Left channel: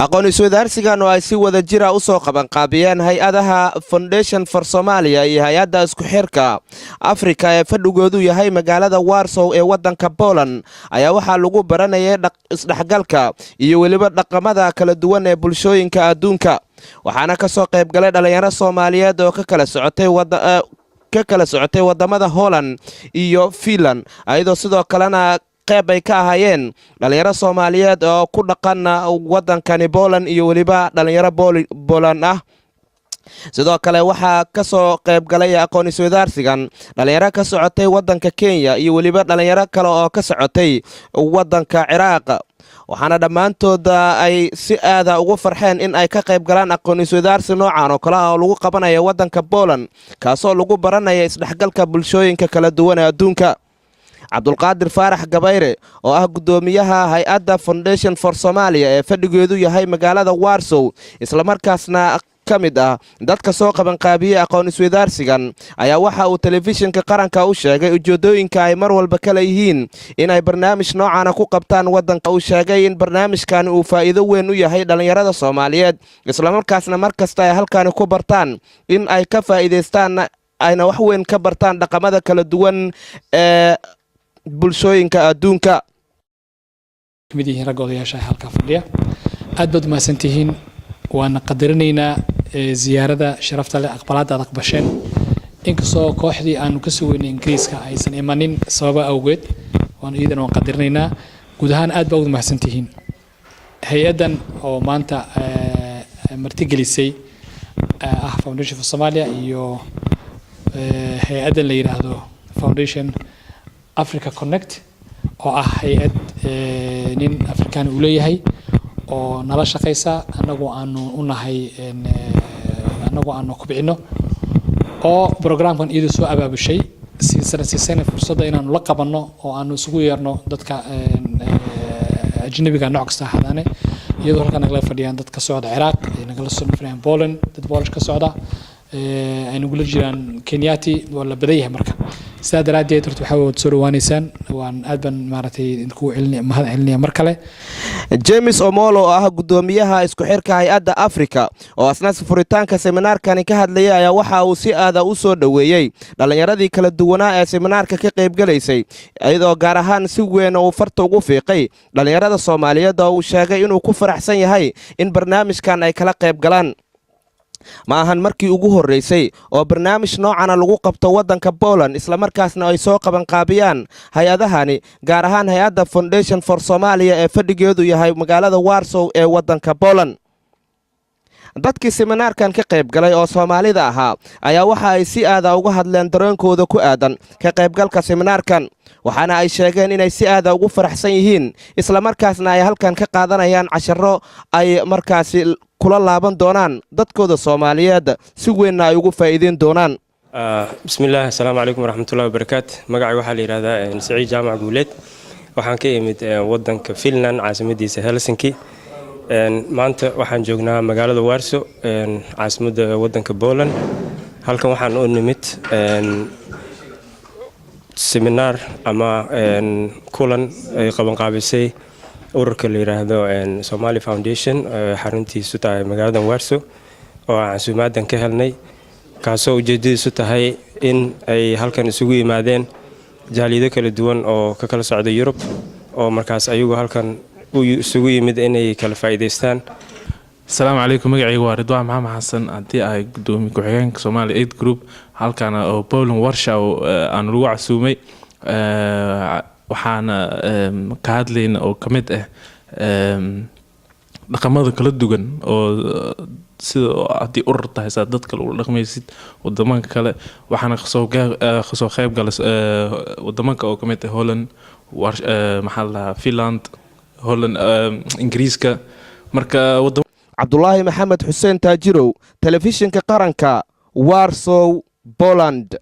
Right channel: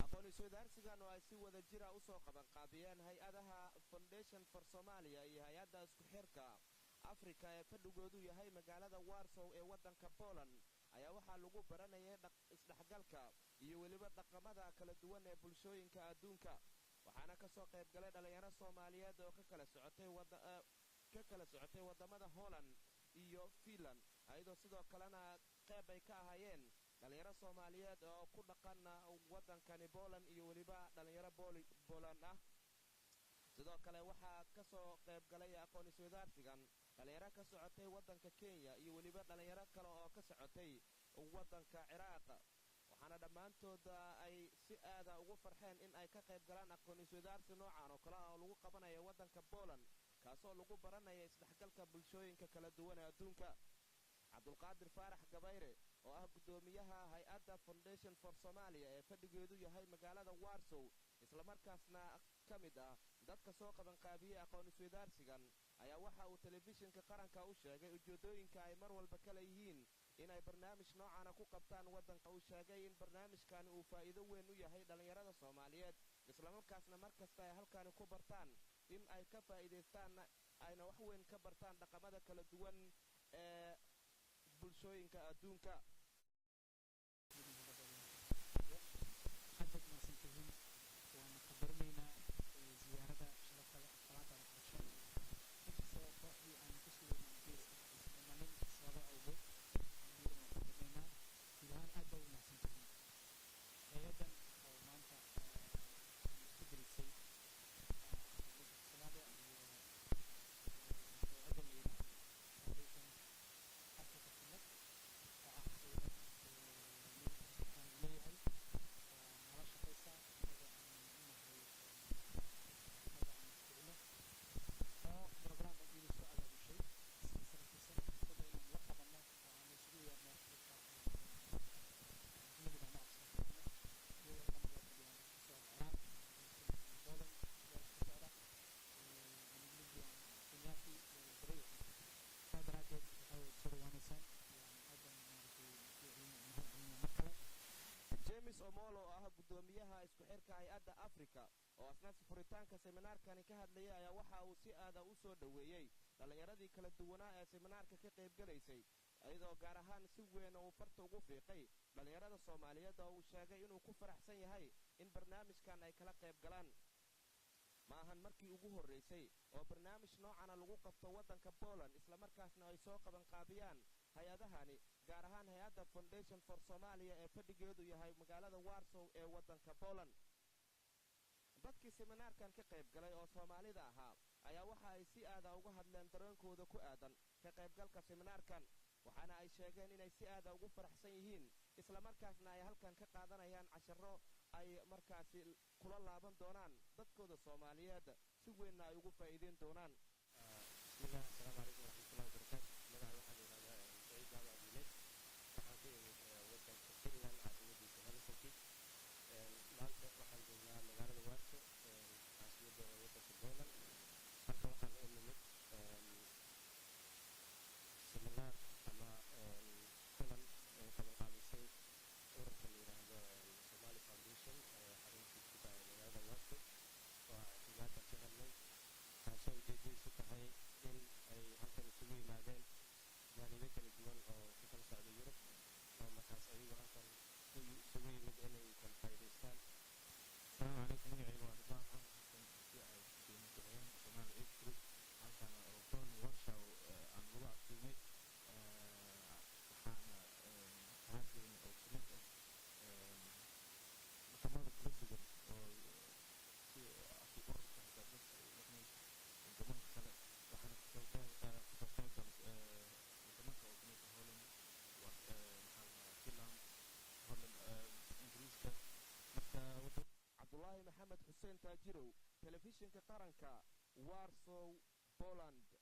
aqoon isweydaarsigan oo ay si wada jira u soo qabanqaabiyeen hay-adaha Foundation for Somalia iyo hay-adda isku xirka Afrika ee fadhigoodu yahay magaalada Warsaw ee wadanka Poland ayaa waxaa lagu baranayay isdhexgalka iyo weliba dhaqamada kala duwan ee bulshooyinka adduunka waxaana ka soo qayb galay dhalinyaro Soomaaliyeed oo ka kala socotay wadamada Holland iyo Finland ayadoo sidoo kalena qayb ay ka ahaayeen dhalinyaro Soomaaliyeed oo ku dhaqan wadankani Poland iyo waliba dhalinyaro Poland ah sidoo kale waxa ka soo qayb galay aqoon isweydaarsigan dhalinyaro ka socotay wadanka Kenya iyo waliba dhalinyaro kale oo ka socotay wadanka Ciraaq waxaana dhamaantood ay si aad ah ugu farxeen in ay ka qayb galaan aqoon isweydaarsi noocan oo kale ah oo lagu qabanayo wadanka Poland kaasoo lagu baranayo isdhexgalka bulshooyinka kala duwan ee adduunka Abdulqaadir Faarax Gabayre oo ah gudoomiyaha hay-adda Foundation for Somalia ee fadhigeedu yahay magaalada Warsaw isla markaasna kamid ah dadka soo qabanqaabiyay aqoon isweydaarsigan ayaa waxa uu telefishinka qaranka u sheegay ujeedooyinka ay mar walba kala yihiin in ay barnaamij noocan ku qabtaan wadanka uu sheegay in barnaamijkan uu faa'iido weyn u yahay dhalinyarada Soomaaliyeed isla markaasna markasta ay halkaan ku bartaan in ay ka faa'iideystaan ayna wax weyn ka bartaan dhaqamada kala duwan ee bulshooyinka adduunka midiin rag odayaasha halka fadhiya aad baad maasantihiin waana qadarinaynaa ziyaarada sharafta leh aqbalaad aad aqbasheen inkastoo kooxdii aanu ka sugeynay Ingiriiska aysan imanin sababa awgeed waan iidan waan qadarinaynaa guud ahaan aad baad maasantihiin hay-adan oo maanta martigelisay Foundation for Somalia iyo hay-adan la yiraahdo Foundation Africa Connect oo ah hay'ad nin Afrikaan u leeyahay oo nala shaqeysa anagoo aanu ku bixino oo programkan iyada soo abaabushay si fursada inaanu la qabanno oo aanu isugu yeerno dadka ajnabiga nooc kasta hadane iyadoo halkan nagala fadhiyaan dad ka socda Ciraaq nagala soo fadhiyaan Poland dad Polish ka socda ay nagula jiraan Kenyati wala badayahay marka sidaa daraadeed waxa uu soo dhawaanaysaan waan aad ban maartay ku mahad celinaya mar kale James Omolo oo ah gudoomiyaha isku xirka hay-adda Afrika oo asnaas furitaanka seminaarkan ka hadlayay ayaa waxa uu si aad ah u soo dhaweeyay dhalinyaradii kala duwanaa ee seminaarka ka qayb galaysay iyadoo gaar ahaan si weyn uu farta ugu fiiqay dhalinyarada Soomaaliyeed oo uu sheegay inuu ku faraxsan yahay in barnaamijkan ay kala qayb galaan ma ahan markii ugu horeysay oo barnaamij noocan lagu qabto wadanka Poland isla markaasna ay soo qaban qaabiyaan hay-adahani gaar ahaan hay-adda Foundation for Somalia ee fadhigeedu yahay magaalada Warsaw ee wadanka Poland dadkii seminaarkan ka qayb galay oo Soomaalida ahaa ayaa waxa ay si aad ah uga hadleen dareenkooda ku aadan ka qaybgalka seminaarkan waxaana ay sheegeen inay si aad ah ugu faraxsan yihiin isla markaasna ay halkan ka qaadanayaan casharo ay markaasi kula laaban doonaan dadkooda Soomaaliyeed si weyn ay ugu faa'iideen doonaan bismillaah assalaamu calaykum waraxmatullaahi wabarakaatuh magacay waxa la yiraahdaa Saciid Jaamac Guuleed waxaan ka imid wadanka Finland caasimadiisa Helsinki maanta waxaan joognaa magaalada Warsaw caasimadda wadanka Poland halkan waxaan u nimid seminar ama kulan ay qaban qaabisay ururka la yiraahdo Somali Foundation xaruntiisu tahay magaalada Warsaw oo aan suumaadan ka helnay kaasoo ujeedadiisu tahay in ay halkan isugu yimaadeen jaaliyado kala duwan oo ka kala socda Yurub oo markaas ayagu halkan isugu yimid inay kala faa'iideystaan السلام عليكم magacaygu waa Ridwaan Maxamed Xasan antii ay gudoomiye ku-xigeenka Somali Aid Group halkan oo Poland Warsaw aan lagu casuumay waxaana ka hadlayna oo kamid ah dhaqamada kala duwan oo sida hadii urur tahay dadka lagu dhaqmaysid wadamada kale waxaana soo qayb galay wadamada oo kamid ah Holland Finland Holland Ingiriiska marka Abdullaahi Maxamed Xuseen Taajirow telefishinka qaranka Warsaw Poland